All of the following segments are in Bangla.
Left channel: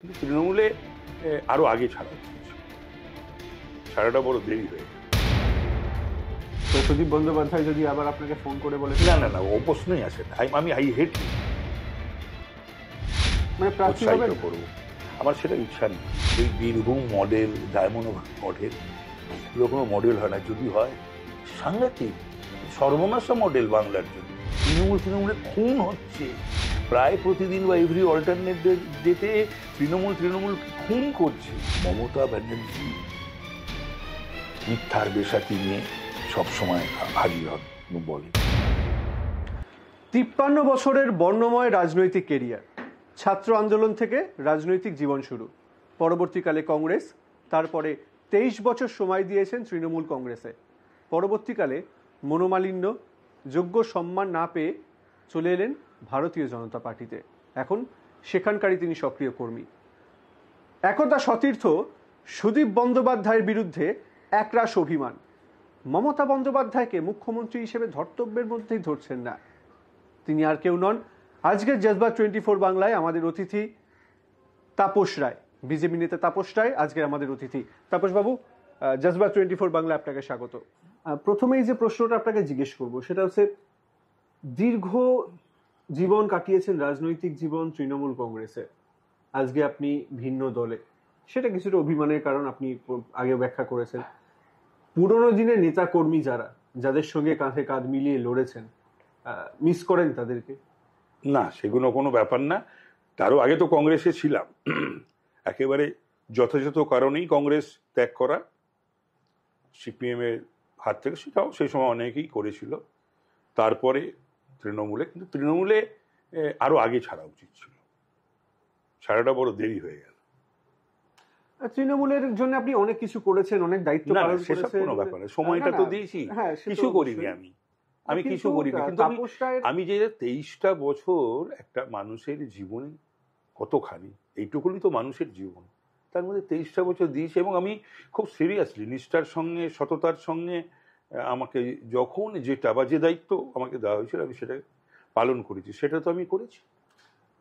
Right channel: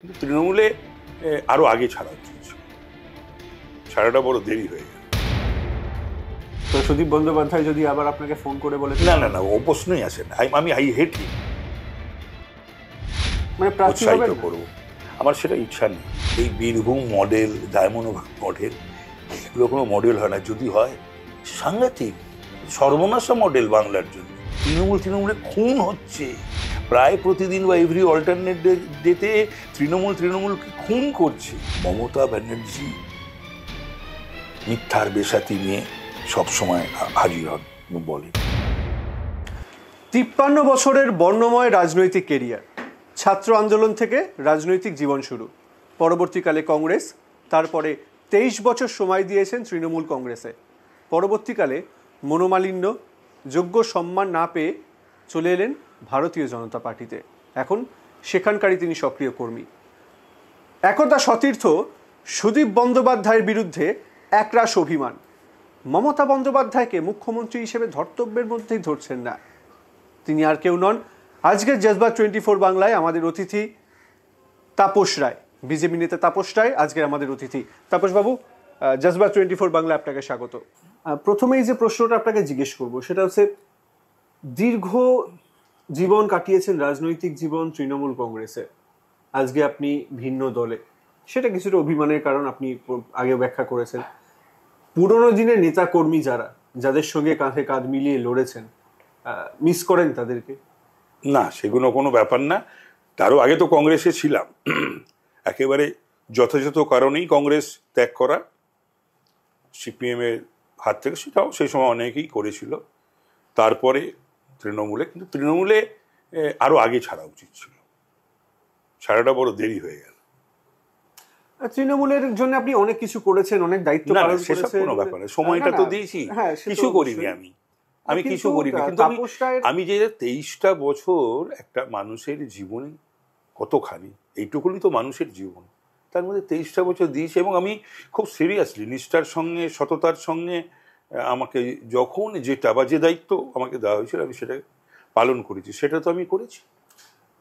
কিন্তু তৃণমূলে আরো আগে ছাড়া উচিত, ছাড়াটা বড় দেরি হয়ে গেল। তো সুদীপ বন্দ্যোপাধ্যায় যদি আবার আপনাকে ফোন করে বলে, না না না, ও প্রশ্নই আসে না। আমি আই হেট মানে প্রার্থী উৎসাহিত হবেন? করবো, আমার সেটা ইচ্ছা নেই। এই বীরভূম মডেল, ডায়মন্ড মডেল, এগুলো কোনো মডেল হয় না। যদি হয় সাংঘাতিক সর্বনাশা মডেল বাংলার জন্য। তৃণমূলে খুন হচ্ছে প্রায় প্রতিদিন, বা এভরি অল্টারনেট ডেতে তৃণমূলকে খুন করছে। মমতা ব্যানার্জি মিথ্যার বেশাতি নিয়ে সবসময় হাজির হন, বলেন। 53 বছরের বর্ণময় রাজনৈতিক কেরিয়ার, ছাত্র আন্দোলন থেকে রাজনৈতিক জীবন শুরু, পরবর্তীকালে কংগ্রেস, তারপরে 23 বছর সময় দিয়েছেন তৃণমূল কংগ্রেসে। পরবর্তীকালে মনোমালিন্য, যোগ্য সম্মান না পেয়ে চলে এলেন ভারতীয় জনতা পার্টিতে। এখন সেখানকারই তিনি সক্রিয় কর্মী। একদা সতীর্থ সুদীপ বন্দ্যোপাধ্যায়ের বিরুদ্ধে একরাশ অভিমান। মমতা বন্দ্যোপাধ্যায়কে মুখ্যমন্ত্রী হিসেবে ধর্তব্যের মধ্যেই ধরছেন না। তিনি আর কেউ নন, আজকের জজবাত 24 বাংলায় আমাদের অতিথি তাপস রায়, বিজেপি নেতা তাপস রায় আজকের আমাদের অতিথি। তাপসবাবু, জজবাত 24 বাংলায় আপনাকে স্বাগত। প্রথমেই যে প্রশ্নটা আপনাকে জিজ্ঞেস করব সেটা হচ্ছে, দীর্ঘ জীবন কাটিয়েছেন রাজনৈতিক জীবন তৃণমূল কংগ্রেসে, আজকে আপনি ভিন্ন দলে। সেটা কিছুটা অভিমানের কারণ, আপনি আগে ব্যাখ্যা করেছেন। পুরনো দিনের নেতা কর্মী যাদের সঙ্গে কাঁধে কাঁধ মিলিয়ে লড়েছেন, মিস করেন তাদেরকে? না, সেগুলো কোনো ব্যাপার না। তারও আগে তো কংগ্রেসে ছিলাম, একেবারে যথাযথ কারণেই কংগ্রেস ত্যাগ করা সিপিএম এর হাত থেকে, সেটাও সেই সময় অনেকেই করেছিল। তারপরে তৃণমূলে, কিন্তু তৃণমূলে আরো আগে ছাড়া উচিত ছিল, ছাড়াটা বড় দেরি হয়ে গেল। তৃণমূলের জন্য আপনি অনেক কিছু করেছেন, অনেক দায়িত্ব পালন করেছেন। কোনো ব্যাপার না, সময়টা তো দিয়েছি, কিছু করিনি আমি কিছু করিনি। কিন্তু আমি যে 23টা বছর একটা মানুষের জীবনে কতখানি, এইটুকুনি তো মানুষের জীবন, তার মধ্যে 23টা বছর দিয়েছি। এবং আমি খুব সিরিয়াসলি নিষ্ঠার সঙ্গে, সততার সঙ্গে আমাকে যখন যেটা বা যে দায়িত্ব আমাকে দেওয়া হয়েছিল আমি সেটা পালন করেছি, সেটা তো আমি করেছি।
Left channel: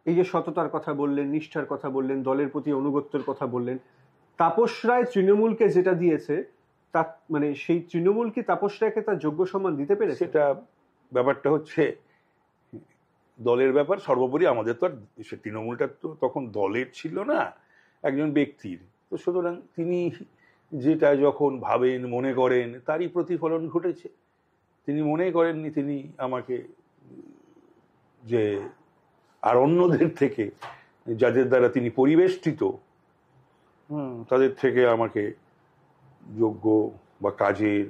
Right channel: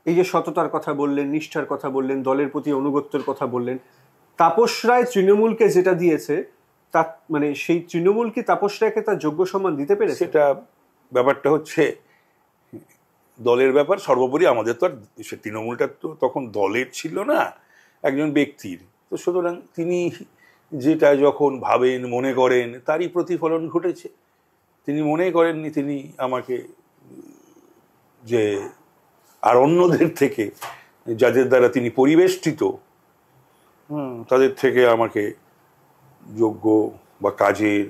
এই যে সততার কথা বললেন, নিষ্ঠার কথা বললেন, দলের প্রতি অনুগত্যের কথা বললেন, তাপস রায় তৃণমূলকে যেটা দিয়েছে, তা মানে সেই তৃণমূল কি তাপস রায়কে তার যোগ্য সম্মান দিতে পেরেছে? সেটা ব্যাপারটা হচ্ছে দলের ব্যাপার। সর্বোপরি আমাদের তো আর সে তৃণমূলটা তো তখন দলের ছিল না, একজন ব্যক্তির। তো সুতরাং তিনি যেটা যখন ভাবেন, মনে করেন, তারই প্রতিফলন ঘটেছে। তিনি মনে করেননি তিনি আমাকে, যে আর অন্যদের থেকে যাদের দ্বারা তিনি পরিবেষ্টিত, তাদের থেকে আমাকে যোগ্য বা কাজের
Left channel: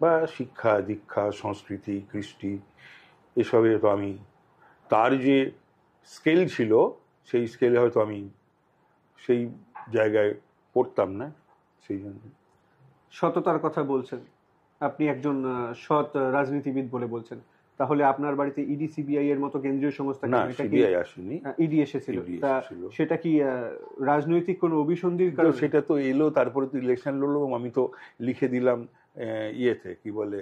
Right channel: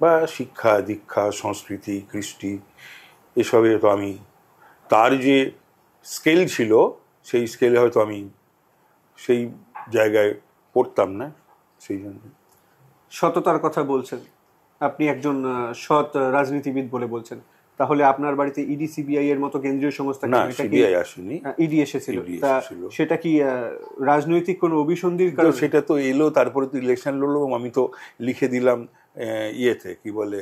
বা শিক্ষা দীক্ষা, সংস্কৃতি, কৃষ্টি, এসবে তো আমি, তার যে স্কেল ছিল সেই স্কেলে হয়তো আমি সেই জায়গায় পড়তাম না। সেই জন্য সততার কথা বলছেন, আপনি একজন সৎ রাজনীতিবিদ বলে বলছেন, তাহলে আপনার বাড়িতে ইডি সিবিআই এর মতো কেন্দ্রীয় সংস্থা? না, সিবিআই আসেনি, ইডি এসেছিল। সেটা কি রাজনৈতিক কোনো অভিসন্ধির কারণে? সেটা তো এলো, তারপরে তো ইলেকশন লড়লো, আমি তো লিখে দিলাম ইয়েতে, কি বলে,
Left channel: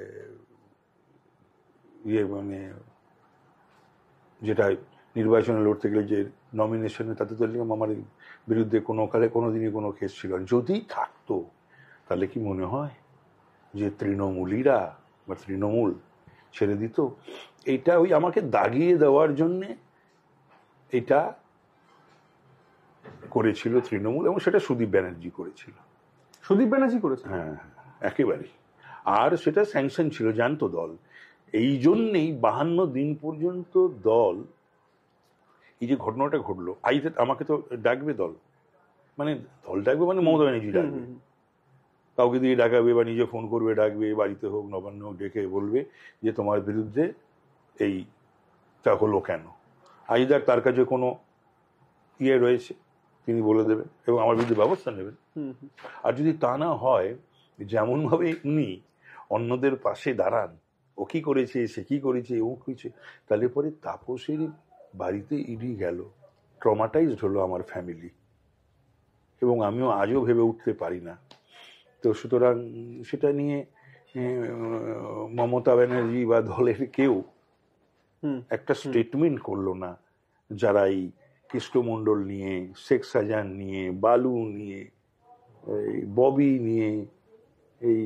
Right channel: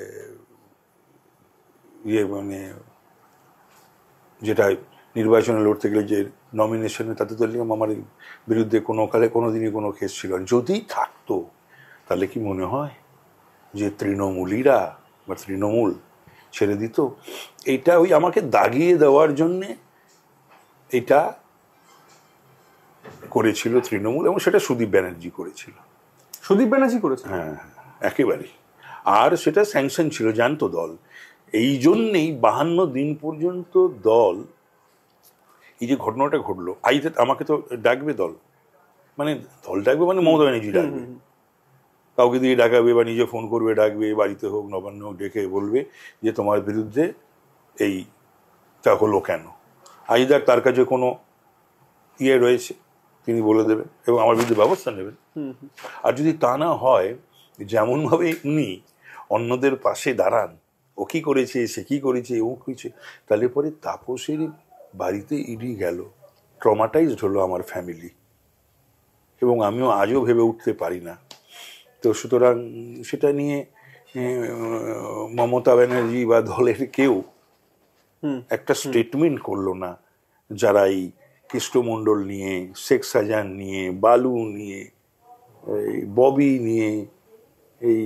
মানে যেটা নির্বাচনে লড়তে গেলে যে নমিনেশনে, তাতে তো লিখলাম আমার বিরুদ্ধে কোনো কালে কোনোদিনই কোনো কেস ছিল না। যদি থাকতো তাহলে কি মনে হয় যে তৃণমূলীরা বা তৃণমূল ছেড়ে দিত? এইটা ওই আমাকে দাগিয়ে দেওয়ার জন্যে এটা করেছিল তৃণমূল, এবং সেটা সুদীপ ব্যানার্জি করেছিল। সুদীপ ব্যানার্জি করেছে? হ্যাঁ, একেবারেই। আর সেটা স্যাংশন ছিল, জানতো দল। এই জন্যেই 52 দিন পর্যন্ত দল, এই যে ঘটনাটা ঘটলো, আমাকে তো ডাকবে দল, মানে দল ডাকবে, মানে মমতা ব্যানার্জি ডাকবে, কাউকে দিয়ে ডাকাবে বা নিজে ফোন করবে, ডাকবে, বাড়িতে হোক নবান্ন হোক, ডেকে বলবে যে তোমার বিরুদ্ধে এইটা হলো কেন, আইদার তার কাছে কোনো ইয়ে রয়েছে তিনি বলে দেবেন এবং আমার বিরুদ্ধে ব্যবস্থা নেবেন। আর যদি তা না হয়, যেমনভাবে উনি অন্যদের পাশে দাঁড়ান, ও কি করেছে, সে কি করেছে, ও কিছু, তাহলে পরে তাপসের বাড়িতে ইডি গেল, ট্রমাটাইজড হলো আমার ফ্যামিলি, এবং আমিও আজও ভেবে উঠতে পারি না। তো সুতরাং সেটা নিয়ে মমতা ব্যানার্জি বা দলের কেউ একটা স্টেটমেন্ট করলো না, যারা এই কৃষ্ণমণ্ডল নিয়ে, শেখ শাহজাহান নিয়ে, বালু নিয়ে, এই ববি নিয়ে, এই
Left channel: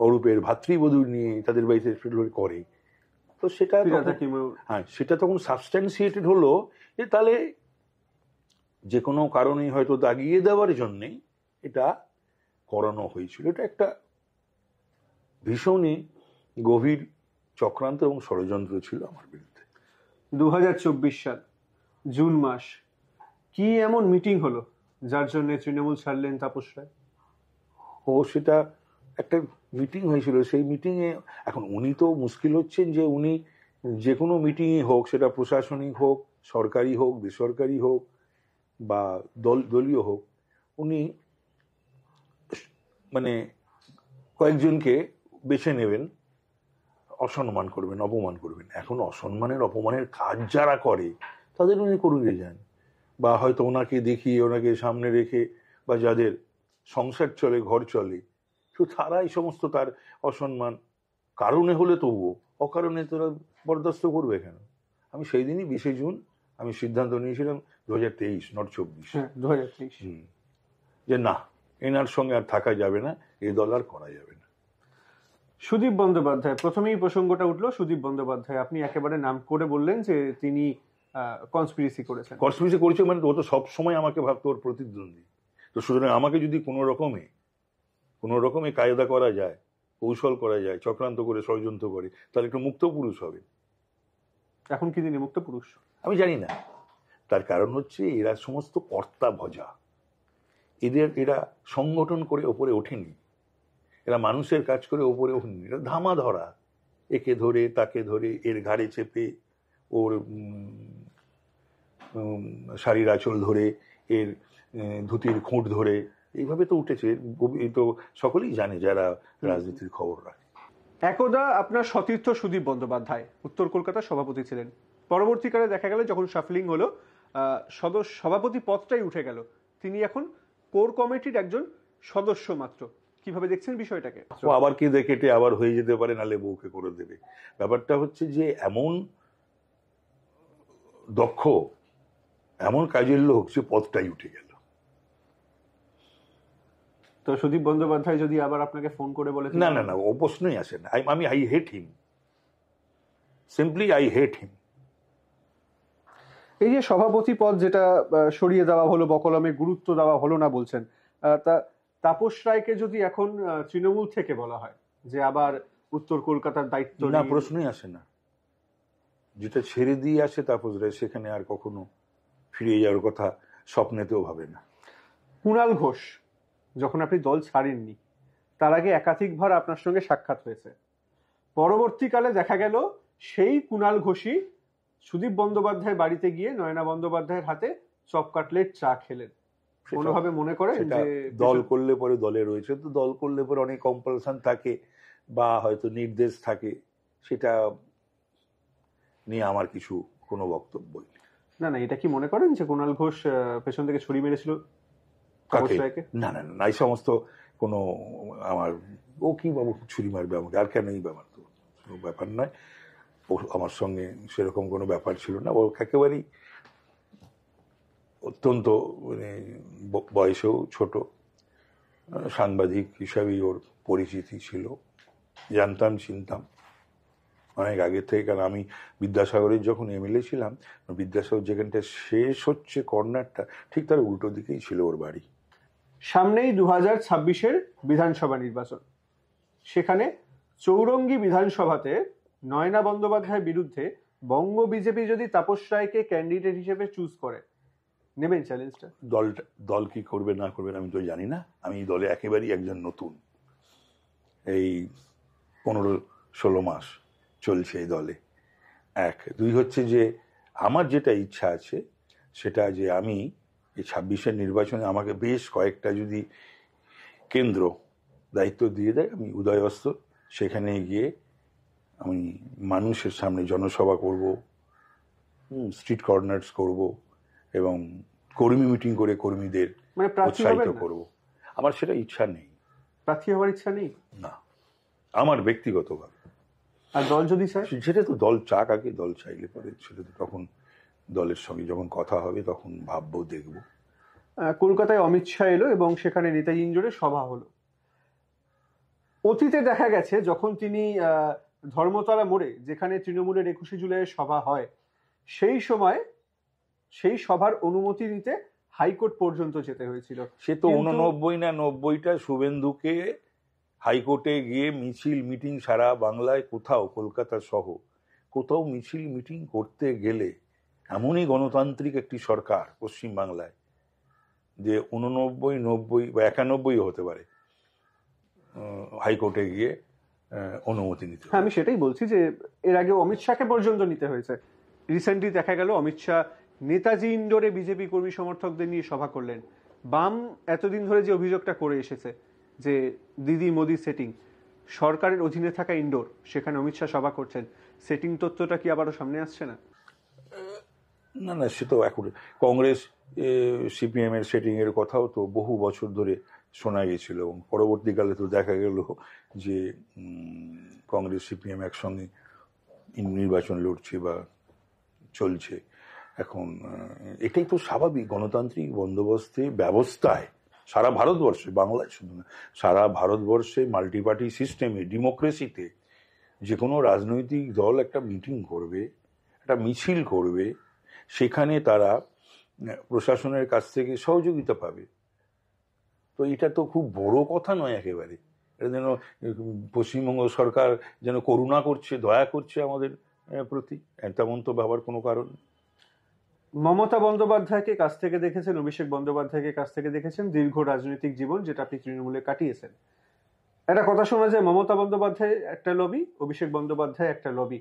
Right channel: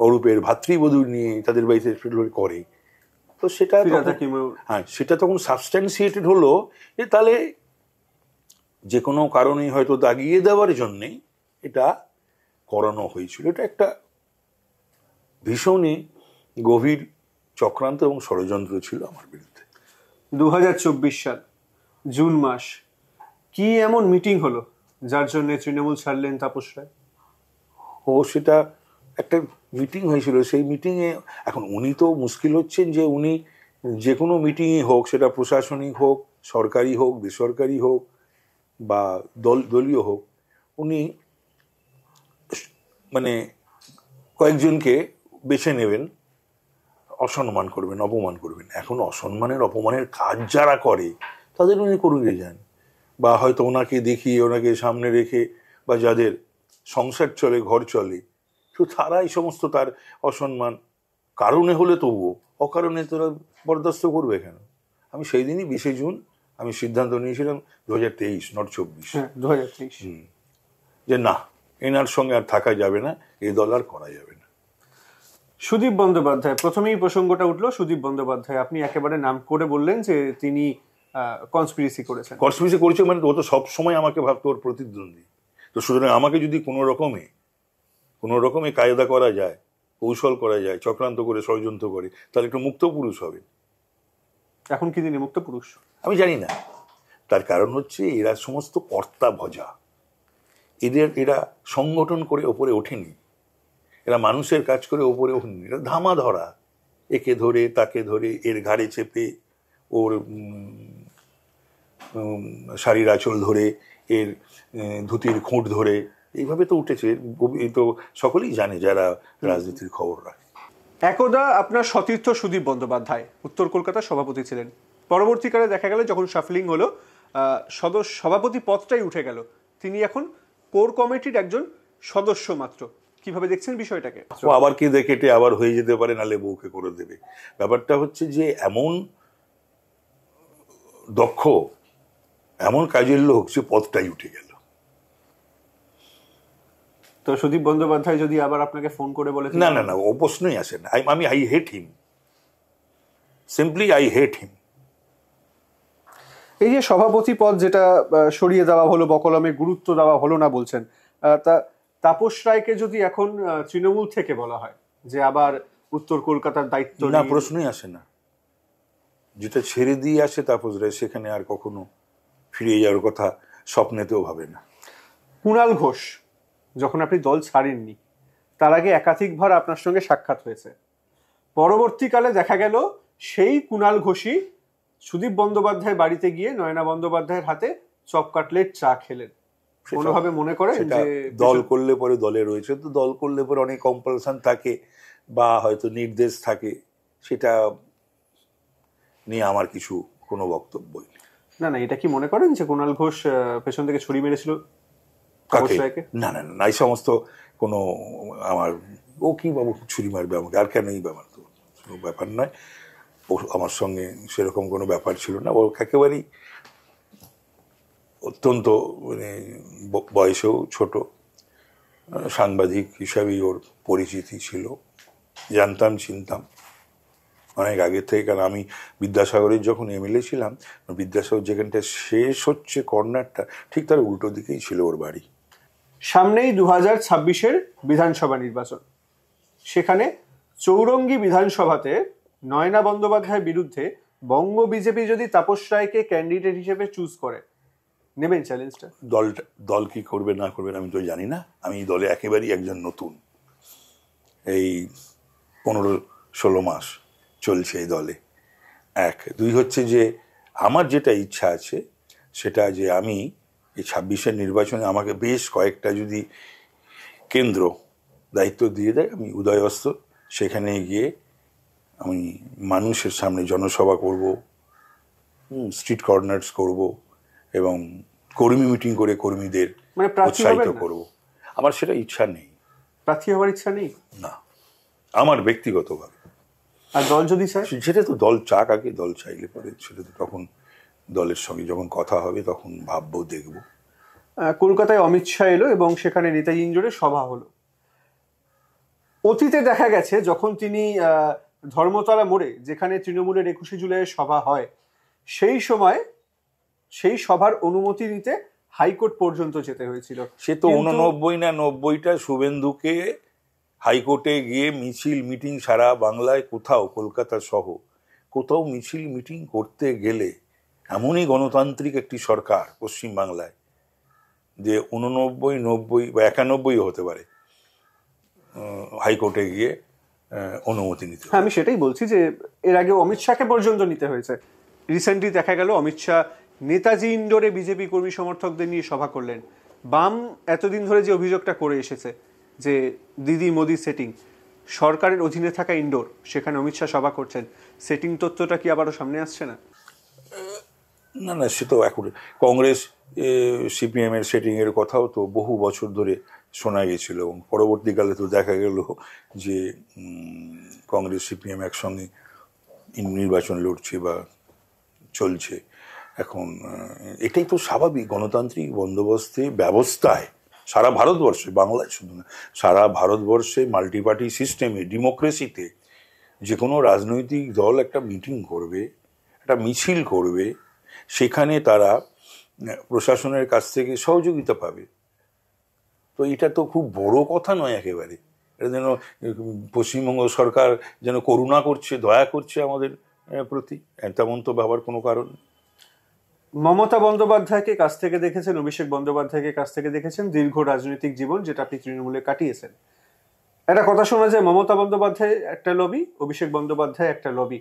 অরূপের ভাতৃবধূ নিয়ে তাদের বাড়িতে করে, তো সেটা হ্যাঁ সেটা তখন সাবস্ট্যান্সিয়েটেড হলো যে তাহলে যে কোনো কারণে হয়তো দাগিয়ে দেওয়ার জন্যে এটা করানো হয়েছিল। এটা একটা ভীষণই গভীর চক্রান্ত এবং ষড়যন্ত্র ছিল আমার বিরুদ্ধে। 2024 সাল জুন মাস, কি এমন মিটিং হলো যার জন্য তৃণমূল ছাড়লেন তাপস রায়? সেটা একটা মিটিং হয়েছিল। সেই মিটিংয়ে এখন উনি তো মুশকিল হচ্ছেন যে উনি যে কোনো মিটিংই হোক, সেটা প্রশাসনিক হোক, সরকারি হোক, বেসরকারি হোক বা দলীয় হোক, উনি মানে কয়েকজনকে বেছে নেবেন, অসম্মান করবেন, অপমান করবেন। এখন অসম্মানের অপমানের কাজ যারা করে তাদের উনি করিয়ে যান, বা হয়তো ওনাকে দেখিয়ে, ওনাকে সামনে রেখে, বা যাদের সংসার চলে, ঘর চলে, তো তারা এই সমস্ত তার অসম্মান কারণে হলে তবুও, অকারণে তোরা বরদাস্ত করবে কেন? আমি সেই দিনই 20 জুন আমি সিদ্ধান্ত নিয়েছিলাম, 2023 নট 24, 2023, যে না, এনার সঙ্গে আর থাকা যাবে না, এই দল আর করা যাবে না। সুদীপ বন্দ্যোপাধ্যায়, প্রথমেই প্রসঙ্গটা উঠলো সুদীপ বন্দ্যোপাধ্যায়, আপনি একেবারে নাম করে বললেন যে তিনি কনস্পিরেসি করেছেন। কনস্পিরেসি করেছে মানে ও তো সবসময় আমাকে ভাবতো ওর প্রতিদ্বন্দ্বী, তো সুতরাং আমাকে যদি কোনো রকমে কায়দা করা যায়, কৌশল করা যায়, চক্রান্ত করে, ষড়যন্ত্র করে, তাহলে একটু মুক্ত পুরুষ হবে। এখন কি তিনি মুক্ত পুরুষ? আমি জানি না। তার কারণ হচ্ছে এরা সমস্ত কর্তা ভজা, এরা সংগঠন করে ওপরে ওঠেনি, এরা মানুষের কাজ করে ওপরে ওঠেনি, এরা ধামা ধরা, একে ধরে তাকে ধরে, এর ঘাড়ে চেপে, ওর শাড়ির আঁচল ধরে, এর ধুতির খুঁট ধরে, এইভাবে তো উঠেছে। এই তো সকলেই জানে যারা রাজনীতির খবর রাখে। একদা আপনার সতীর্থ সুদীপ বন্দ্যোপাধ্যায় উত্তর কলকাতার সভাপতি ছিলেন। পরবর্তীকালে দেখা গেল যখন শাফলিং হলো, সভাপতি পদটাই উঠে গেল, তিনি এখন কোর কমিটির একজন সদস্য মাত্র। কিভাবে দেখছেন বিষয়টাকে? আবার কেঁদে কেটে আবার হয়ে যেতে পারে, নালে বউকে করে দেবে। ব্যাপারটা হচ্ছে যে এমন দক্ষ, এমন কাজের লোক, সে পদটাই উঠে গেল। তো সুদীপ বন্দ্যোপাধ্যায় যদি আবার আপনাকে ফোন করে বলে, না না না, ও প্রশ্নই আসে না। I hate him, simply I hate him. এই যে সভাপতি পদ যেটা সরিয়ে দেওয়া হলো, বকলমে গুরুত্ব দেওয়া হলো না বলছেন, তা তাপস রায়কে যদি এখন তৃণমূল থেকে বলা হয় যে আবার উত্তর কলকাতার দায়িত্ব, না, প্রশ্নই আসে না। যেটা ছেড়ে দিয়ে আসে তাপস রায়, সেখানে আর কখনো ফিরে যাওয়ার কথা স্বপ্নেতেও ভাবে না। কুণাল ঘোষ, যখন আপনি দল ছাড়েননি, তার আগে একাধিকবার আপনার সঙ্গে সাক্ষাৎ হয়েছে। পরবর্তীকালে দেখা গেল সেই কুণাল ঘোষই সুদীপ বন্দ্যোপাধ্যায় বাড়িতে গিয়ে নয়না বন্দ্যোপাধ্যায়ের হাতে চপ কাটলেট চা খেলেন। কোনোভাবে মনে করেন যে দল করলে পরে দলে রয়েছে, তো দল করলে পরে অনেক কম্পালশন থাকে বা হয়তো নির্দেশ থাকে, সেটা নিয়ে আমার কিছু কোনো বক্তব্যই নেই। না না, এটা কি মনে করেন যে কুণাল ঘোষ পেছন থেকে ছুরি মেরেছিল? না না না, এই সমস্ত কোনো আমার, ও কি বাবু ছুরি মারবে আমাকে, আর কেন? এই ব্যাপার তো কোনো ব্যাপার নয়। ও আমার সঙ্গে সেরকম কোনো ব্যাপার ছিল না। ও একেবারেই অত্যন্ত মানে বয়সেও ছোট, সাংবাদিক হিসাবেই ওর পরিচিতি ছিল, জানতাম, চিনতাম অনেক আগে থেকে। কারণ আমি বিদ্যাসাগরের যখন এমএলএ ছিলাম, বিদ্যাসাগর যেখানটা শেষ হচ্ছে কর্নারটা, ঠিক তার উল্টো দিকেই ছিল ওর বাড়ি। সামনেই 2026-এর বিধানসভা নির্বাচন, সেখানে চৌরঙ্গী বিধানসভাতে নয়না বন্দ্যোপাধ্যায়ের বিরুদ্ধে বঙ্গ বিজেপি যদি তাপস রায়কে ক্যান্ডিডেট হিসেবে চুজ করে, নেবেন চ্যালেঞ্জটা? দল কি করবে না করবে আমি তো জানি না। আমি এই দলে একেবারেই একজন নতুন, এই 15-16 মাস চলছে এই দলে। 1, 2 হচ্ছে যে আমার যেটা ইচ্ছা আছে সেটা যে আমি এই 26-এর নির্বাচনে আমাকে বেশ কয়েকটা যদি কেন্দ্র দায়িত্ব দিয়ে দেয়, আমি উদয়স্ত সেখানে গিয়ে আমি মানুষের সামনে জনসভা করব, স্ট্রিট কর্নার্স করব এবং কর্মী মিটিং করে কর্মীদের উৎসাহিত করব। আমার সেটা ইচ্ছা নেই। প্রার্থী হওয়ার ইচ্ছা নেই? না, আমার ব্যক্তিগতভাবে। আর দল যদি চায়? সেটা তো দল চাক আগে, দল চাইলে পরে সেটা তো তখন দলের সঙ্গে যখন কথা হবে তখন ভাববো, দেখবো। কলকাতায় অমিত শাহ এলো এবং সেখানে নেতাজি ইন্ডোরে সভা হলো। অতীতে দেখা গেছে যখন তিনি ধর্মতলা মোড়ে, যেখানে তৃণমূলের 21শে জুলাইয়ের সভা হয়, সেই সময় সেই সভার অনুমতি নিতে হাইকোর্ট পর্যন্ত যেতে হয়েছিল। সে তো 89 না 90টা শুভেন্দুকে হাইকোর্টে গিয়ে মিছিল মিটিং সারা বাংলায় কোথাও, কলকাতা সহ কোথাও মিছিল মিটিং করতে গেলে, এমনই গণতান্ত্রিক একটি সরকার পশ্চিমবাংলায় যে 89, 90 বা 91 হতে পারে, হাইকোর্টে গিয়ে অনুমতি নিতে। হ্যাঁ, আমি সেটাই বলছি যে এর আগে অমিত শাহকে পর্যন্ত নিতে হয়েছে। রিসেন্টলি দেখা গেল অমিত শাহ নেতাজি ইন্ডোরে বিজেপি কর্মী সমর্থকদের নিয়ে সভা করলেন। বাম এতদিন ধরে যে অভিযোগটা করে এসেছে যে দিদি মোদি সেটিং, সরকারের অধীনে থাকা ইন্ডোর, সেখানে অমিত শাহ সভা করছেন, সেটিং তথ্যটা কি আবারও সামনে আসছে না? না না, সে তো এখন কংগ্রেস সিপিএমের সেটিংয়ের কথাও তো বহু বছর ধরে শোনা গেছিল, এবং পরবর্তীকালে তো দেখা গেল যে কংগ্রেস সিপিএম একসঙ্গে নির্বাচন লড়ছে বা চলছে। এখন এটাই তো স্বাভাবিক গণতান্ত্রিক বন্দোবস্তে ব্যবস্থায় সারা ভারতবর্ষে, বাংলায় শুধু না, সারা ভারতবর্ষে মাল্টিপার্টি সিস্টেমে, ডেমোক্রেসিতে যে কোনো রাজনৈতিক দল একটা মিটিং করবে, একটা মিছিল করবে, সেখানে তারা প্রশাসনের কাছ থেকে সহযোগিতা পাবে। তো এটা তো খুব বড় কথা নয় একেবারে। এটা যেন পশ্চিমবঙ্গ সরকার যেন করুণা করছে, দয়া করছে আমাদের প্রতি, তেমন তো ভাবার কোনো কারণ। মমতা বন্দ্যোপাধ্যায়কে কাছ থেকে দেখেছেন, অভিষেক বন্দ্যোপাধ্যায়কে কাছ থেকে দেখেছেন, দীর্ঘ রাজনৈতিক জীবন যেটা আপনি তৃণমূলে কাটিয়েছেন। একটা কথা শোনা যায়, মমতা বন্দ্যোপাধ্যায় একটা লবি, অভিষেক বন্দ্যোপাধ্যায় একটা লবি।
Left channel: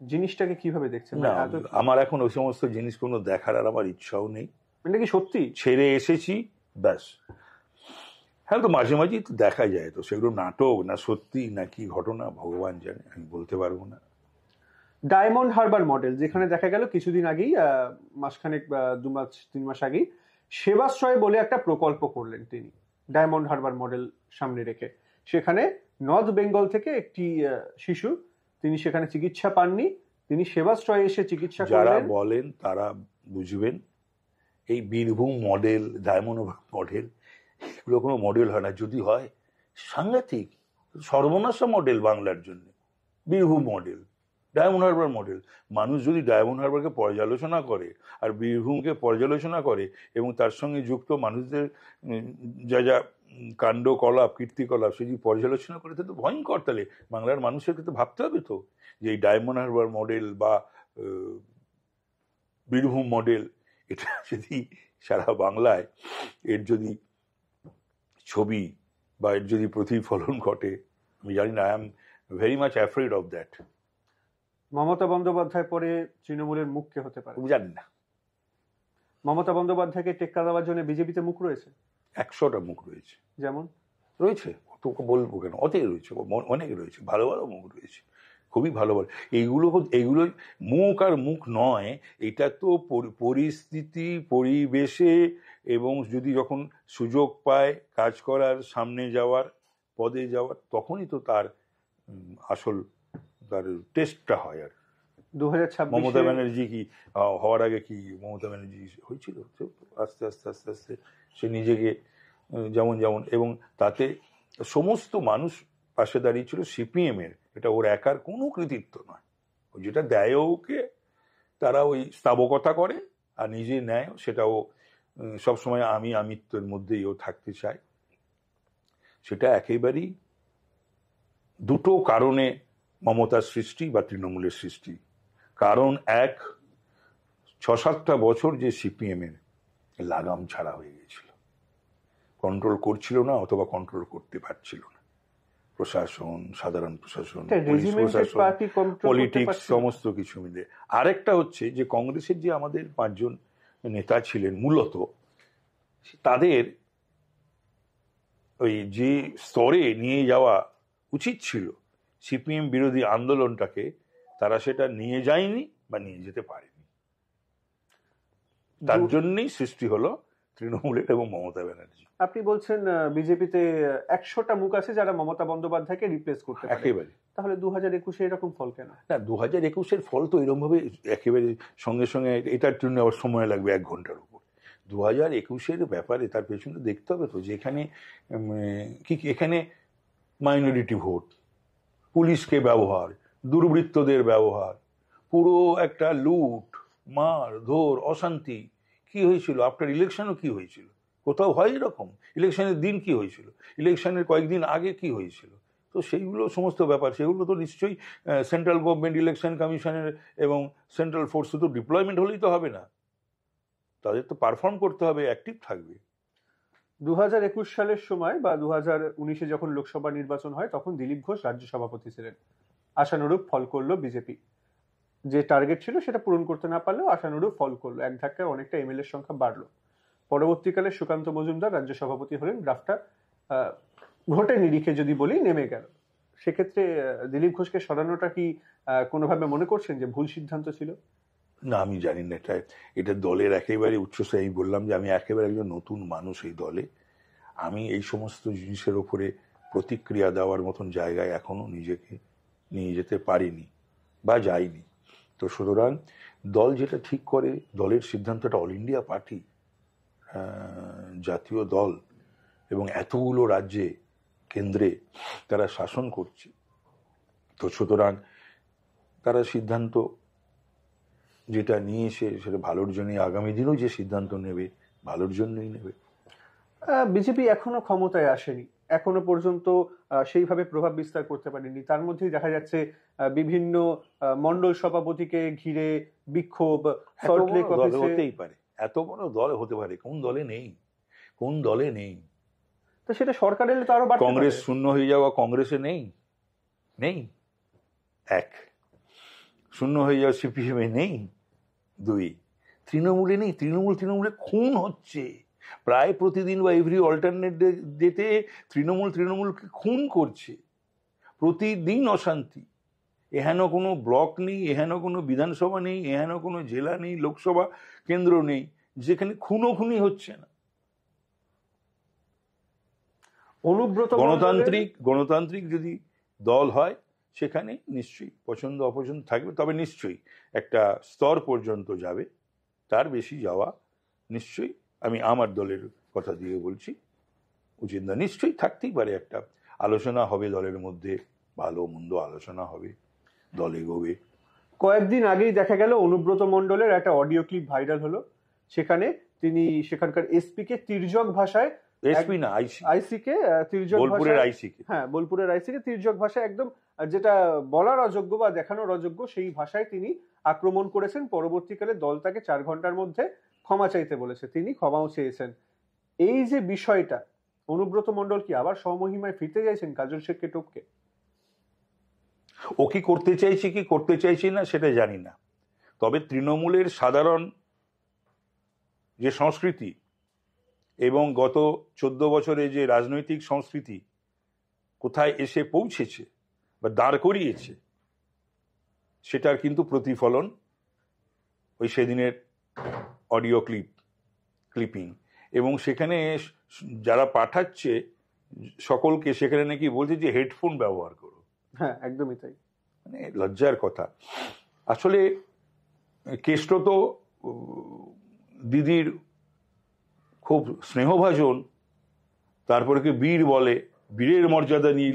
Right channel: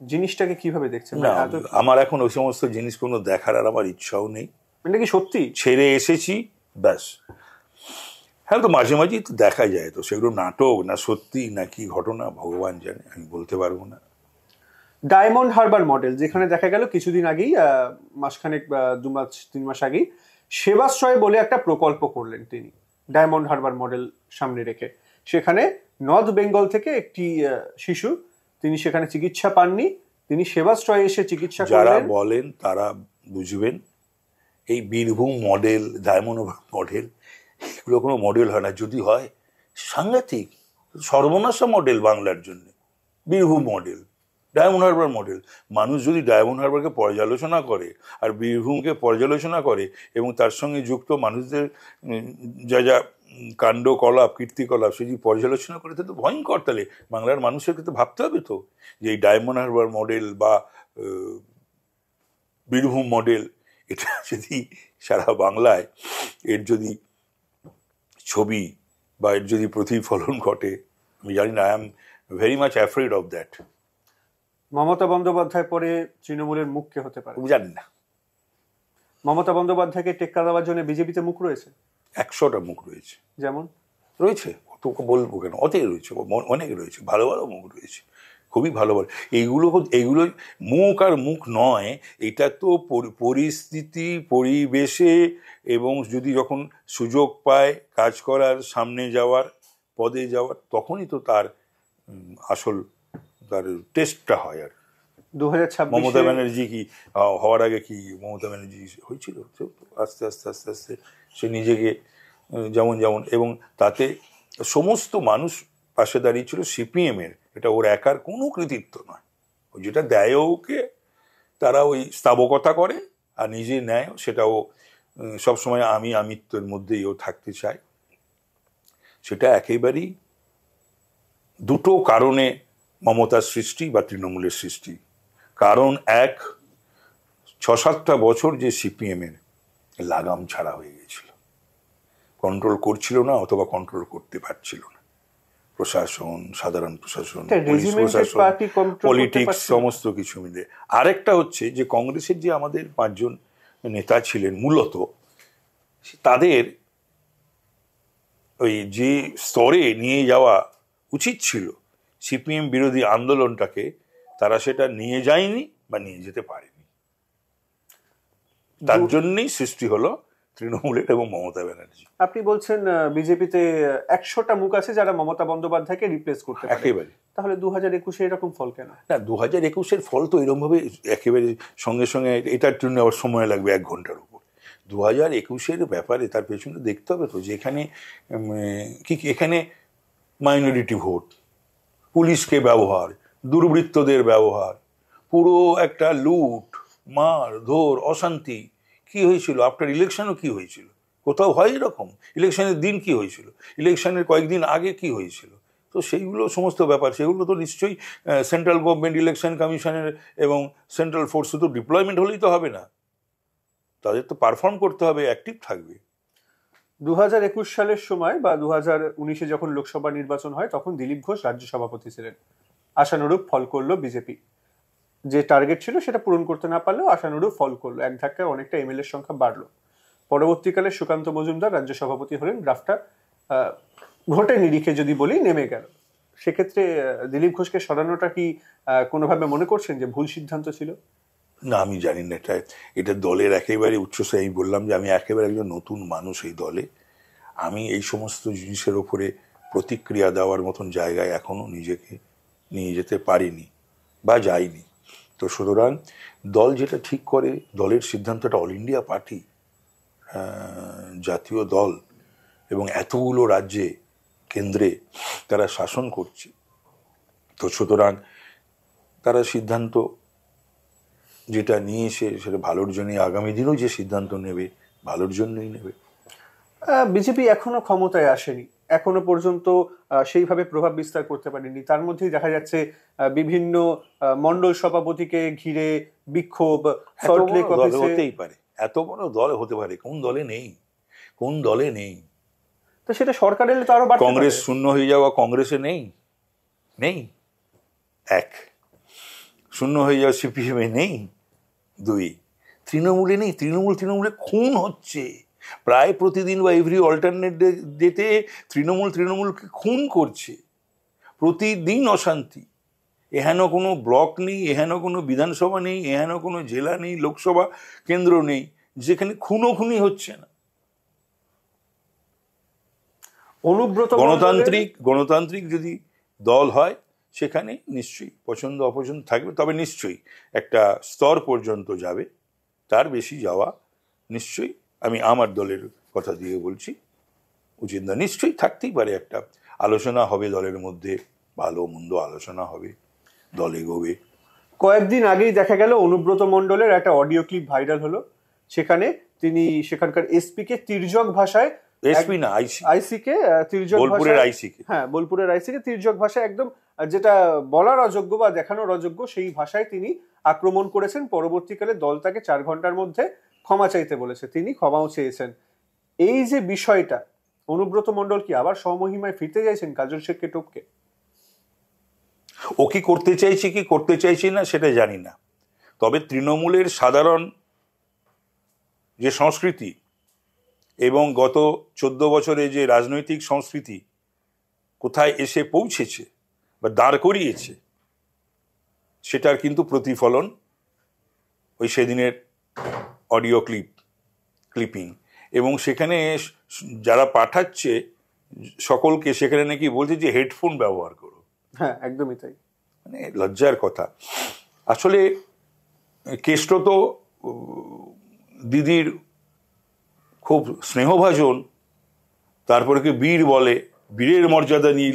জিনিসটাকে কিভাবে দেখছেন? না, আমার এখন ওই সমস্ত জিনিস কোনো দেখার আর আমার ইচ্ছাও নেই। এটা কি সত্যি? ছেড়ে এসেছি, ব্যাস। হ্যাঁ, তো মাঝে মাঝেই তো দেখা যায়, তো সেগুলো নাটক না সত্যি না কি ঘটনা ভগবান জানে, আমি বলতে পারবো না। ডায়মন্ড হারবার মডেল, যেখানে দেখা গেল কিছুদিন আগেই, মাসখানেক 2-3 মাস আগেই, সেবাশ্রয় বলে একটা প্রকল্প করলেন তিনি, ডায়মন্ড হারবার মডেল সামনে রেখে। সেখানে নর্থ বেঙ্গল থেকে একটি শিশু, তিনি সেখানে চিকিৎসা পাননি, তিনি সেবাশ্রয়ে এসে চিকিৎসা করলেন। যারা বলেন তারা বুঝবেন, এই বীরভূম মডেল, ডায়মন্ড মডেল, এগুলো কোনো মডেল হয় না। যদি হয় সাংঘাতিক সর্বনাশা মডেল বাংলার জন্য। Birbhum model, diamond Harbour model. মানুষ যদি ডায়মন্ড হারবারকে পর্যালোচনা করে আর বীরভূমকে পর্যালোচনা করে এবং তার সঙ্গে যুক্ত মানুষদের যা যা কাণ্ডকলাপ, কীর্তিকলাপ সে যদি পর্যালোচনা করে, তাহলে তো ভয়ঙ্কর। তাহলে বাংলার মানুষের তো ভাবতে হবে তো যে এই ডায়মন্ড হারবার মডেল বা বীরভূম মডেল, এটা যদি সারা বাংলায় এর যদি ছবি বা এর যদি প্রতিফলন ঘটে, আমি জানি না, I am very much afraid of that. Mamata Bandyopadhyay পরে তৃণমূলের মুখ কে হতে পারে জানি না। মমতা বন্দ্যোপাধ্যায়কে টেক্কা দেওয়ার জন্য বিজেপিতে মুখ রয়েছে, 100টা মুখ রয়েছে। যেমন রয়েছে, তোকে বলবো কেন, অতই রয়েছে, অনেক রয়েছে, ভালো ভালো মুখ রয়েছে, খুবই ভালো ভালো। এইগুলো মুখ আর মুখ নয়, এটা তো পরিস্থিতি, পরিবেশে, এবং যদি যখন সুযোগ পায় কাজ করার, সামনে যাওয়ার, পদে যাওয়ার, তখনই তো তার আসল তার টেস্টটা হয়। আর 2026 মমতা ব্যানার্জি কি হওয়ার আগে কি মমতা ব্যানার্জি হয়েছিল? আস্তে আস্তে আস্তে আস্তে সে নিজেকে যেমন এবং তাতে সমস্ত মানুষ পাশে দাঁড়িয়েছিল সিপিএমের। এটা ওর একার কোনো কৃতিত্ব নয়। ও যেটা দেয় ওকে, তারা ওই স্থাবকতা করে আর নিজে নেয়, সেটাও সবসময় আমিত্বের মধ্যেই ও থাকতে চায়। সেটা একেবারেই দুটো কারণে মমতার সৃষ্টি বা তৃণমূলের সৃষ্টি। কারণ এক, 6-7টা বছর যে সিপিএমের লাগাম ছাড়া হয়ে গেছিল, কন্ট্রোল করছিল না অথবা কন্ট্রোল করতে পারছিল না প্রশাসন, সাধারণ প্রশাসন, পুলিশ প্রশাসন, পলিটিক্স, সমস্ত কিছু মিলে। আরেকটা হচ্ছে যে কংগ্রেসের যে আমাদের 5 জন নেতা ছিলেন, মূলত তাদের ওই যে স্তরে নিয়ে যাওয়া উচিত ছিল সিপিএম বিরোধী আন্দোলনটাকে, তারা সেটা নিয়ে যায়নি বা নিয়ে যেতে পারেনি। তার জন্যই সৃষ্টি হলো তৃণমূলের এবং মমতা ব্যানার্জি। আপনি বলছেন বিজেপিতে 100টা মুখ আছে যারা মমতা বন্দ্যোপাধ্যায়কে রিপ্লেস করতে পারে, একেবারে। তাহলে 2021-এ এরকম ফল কেন? না, 2021-এর ফল তো এরকমভাবে একেবারে সঙ্গে সঙ্গে, এটার জন্য আবার সময় লাগবে 1 ঘন্টার উপর। 2021-এর ব্যাপারে তার পেছনে দেখতে হবে তো যে এখানে এখানে মাইনরিটি ভোট, পুলিশকে ব্যবহার, দুর্বৃত্তদের ব্যবহার, পুরো একটা লুট, মার ধর, অশান্তি কি হয়েছিল। আফটার ইলেকশনও কি হয়েছিল? কোথাও হয় এরকম? ইলেকশনের দিন কি হয়েছিল? ইলেকশনের কয়েকদিন আগে কি হয়েছিল? তো সেইগুলো সমস্ত ব্যাপার, সেগুলো তো নিশ্চয়ই সেন্ট্রাল গভর্নমেন্ট, ইলেকশন কমিশনের এবং সেন্ট্রাল ফোর্স তো ডিপ্লয়মেন্ট হলেই তো হবে না, তাদের তো পারফর্ম করতে হবে, অ্যাক্টিভ থাকবে। 2021 সালের সময় বা 2019-এ যখন লোকসভা নির্বাচন হয় তখন দিলীপ ঘোষ রাজ্য সভাপতি ছিলেন। আশানুরূপ ফল করলো বিজেপি, যে টার্গেট ছিল সেটা পূরণ করতে না পারলেও আশানুরূপ ফল করলো, এক ধাক্কায় অনেকটা এমএলএর সংখ্যা বাড়লো। পরবর্তীকালে সুকান্ত মজুমদার রাজ্য সভাপতি হলেন, গ্রাফটা ভোটের নিরিখে যদি বলি নেমে গেল। সেক্ষেত্রে দিলীপ ঘোষকে সরানোটা কি কোনোভাবে মনে করছেন যে ভুল সিদ্ধান্ত ছিল? না, আমি জানি না, এটা দলের একেবারে উচ্চসায়। আমি বললাম যে আমি একেবারে একজন নতুন মানুষ এই দলে, আমি এই সমস্ত জিনিসের ওপরে প্রতিক্রিয়া দেওয়ার মতন জায়গায় এখনো নিজেকে নিয়ে যেতে পারিনি বা যাইনি। তো সুতরাং দল যেটা ঠিক করে, দলের সিদ্ধান্তটা, অল ইন্ডিয়া পার্টি, জাতীয় দল, এবং এতগুলো রাজ্যে কেন্দ্রে তারা শাসন করছে, তো সুতরাং তারা সিদ্ধান্ত যেটা নিয়েছে সেটা ভালোর জন্যই, আগামী দিনেও যে সিদ্ধান্ত নেবে ভালোর জন্যই নেবে। বিজেপি এখনো ক্ষমতায় আসেনি, এখনো পর্যন্ত সেইভাবে প্রভাব বিস্তার করতে পারেনি। তার মধ্যেই দেখা যাচ্ছে বিভিন্ন মন্ডল সভাপতিকে ঘিরে বিক্ষোভ, সল্টলেক অফিসে। হতেই পারে, এত বড় দল হতে পারে, কোন দলে নেই, কোন দলে নেই? তো সেটা সরকার এলে তো আরো বাড়তে পারে। কংগ্রেস শূন্য হয়ে যাওয়া, কংগ্রেসে নেই, নেই। 1, শূন্য হয়ে যাওয়া সিপিএমে নেই। 2, তৃণমূলে নেই। তৃণমূলে খুন হচ্ছে প্রায় প্রতিদিন, বা এভরি অল্টারনেট ডেতে তৃণমূলকে খুন করছে, প্রতিদিন অশান্তি। এহেন কোনো ব্লক নেই, এহেন কোনো বিধানসভা নেই, এহেন কোনো জেলা নেই, লোকসভা কেন্দ্র নেই যেখানে খুনোখুনি হচ্ছে না। অনুব্রত গণতান্ত্রিক যদি দল হয় সেখানে নিশ্চয়ই পছন্দ অপছন্দ থাকবে, তবে নিশ্চয়ই একটা স্তর পর্যন্ত যাবে, তার বেশি যাওয়া নিশ্চয়ই, আমি আমার দলের কথা দিয়ে বলছি, উচিত না। নিশ্চয়ই থাকতেই পারে, একটা আলোচনা হবে দলের মধ্যে, ভালো মন্দ আলোচনা হবে, দল এগোবে। কয়েকদিন আগেই দেখা গেল অনুব্রত মণ্ডলের একটা অডিও ক্লিপ ভাইরাল হলো, সেখানে তিনি সেখানকার এসপি কে তির্যক ভাষায়, এসপি না, আইসি কে তির্যক বোলপুরের ভাষায়, আইসি কে, হ্যাঁ বোলপুরের আইসি কে তির্যক ভাষায়, একদম যেটা বলার অযোগ্য বা দেখানোর অযোগ্য সেই ভাষায় তিনি আক্রমণ করেছেন। পরবর্তীকালে দল তাকে 4 ঘন্টার মধ্যে ক্ষমা চাইতে বলেছে, তিনি ক্ষমাও চেয়েছেন। এই যে বিষয়টা, অনুব্রত মণ্ডল কি আবার স্বমহিমায় ফিরতে চাইছেন কাজল শেখকে টপকে? ও কি করতে চাইছি না সেটা জানি না, তবে তৃণমূলের সাধারণ যে সংস্কৃতি এবং গত 14 বছরে যে রাজনৈতিক সংস্কৃতি কোথায় এসে পৌঁছেছে বা দাঁড় করিয়েছে, সেটার কিন্তু প্রতিফলন ওই সেদিনের অডিও ক্লিপিং, এবং সেখানে যারা পাঠাচ্ছে সকলকে, সেখানে নাকি বলছে যে হেডফোন ব্যবহার করো। হ্যাঁ, একদমই তাই। মানে লজ্জার কথা। আসলে কেষ্ট তো দিদির খুব স্নেহভাজন, তারপরে কি বীর বলে, বীরের মর্যাদা নিয়ে